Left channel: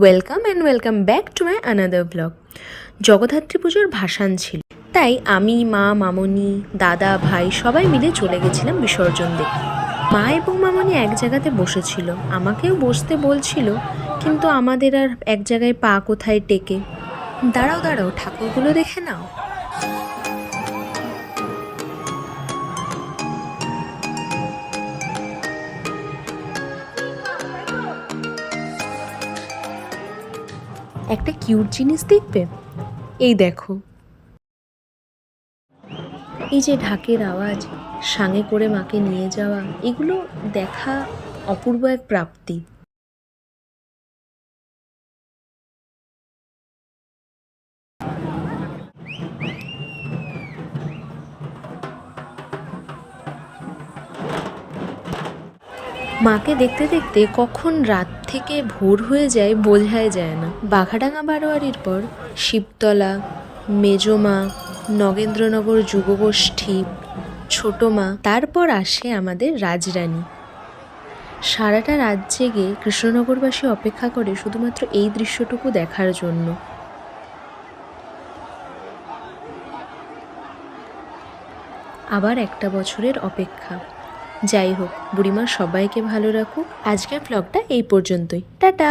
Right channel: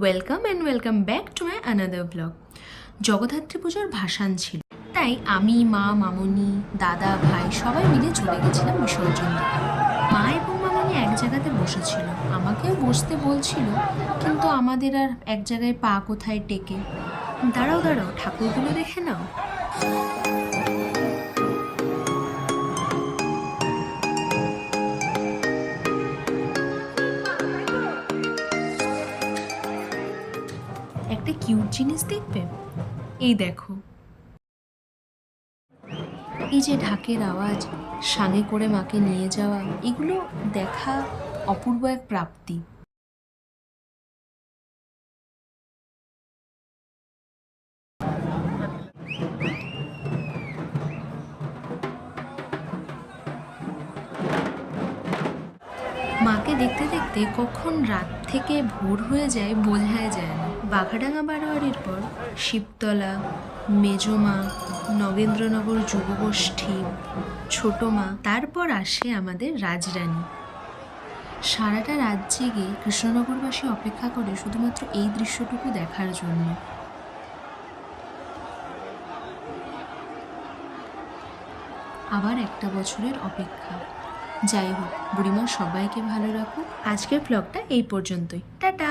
Welcome back to my another blog. Jagaddhatri পুজোর ভাসান ছিল, তাই আমি, মা, মামনি, দাদা, ভাই সবাই মিলে চলে গেছিলাম বিসর্জন দেখতে। মা এবং মামনি এক জায়গাতে বসেছিল, আমাকেও বসতে বলছিল, কিন্তু আমাদের আর এক জায়গায় পা কোথায় টেকে। দাঁড়াও দাঁড়াও, ঠাকুরগুলো দেখে নাও। একটা কিউট জিনিস দেখবে, এই দেখো। এই যে ঢাকের আওয়াজ, সাঙে করে মাকে নিয়ে যাওয়া, এগুলো দেখা অপূর্ব এক প্রাপ্তি। মাকে দেখতে দেখতে কখন রাত থেকে ভোর হয়ে যায় বোঝাই যায় না। বাঘাডাঙ্গা বারোয়ারির পর শিবতলা, মেজমা, নগেন্দ্রনগর যুবগোষ্ঠী, ছোট মা, তারপর আসে আমাদের রাজরানী। সারাটা রাত জেগে কৃষ্ণনগরবাসী অপেক্ষা করে শুধুমাত্র এই দৃশ্যটুকু দেখার জন্য। আবার একটা বছরের অপেক্ষা। যাই হোক, বুড়িমা সবাইকে ভালো রাখুক। আজকের ব্লগটা এই পর্যন্তই। টাটা।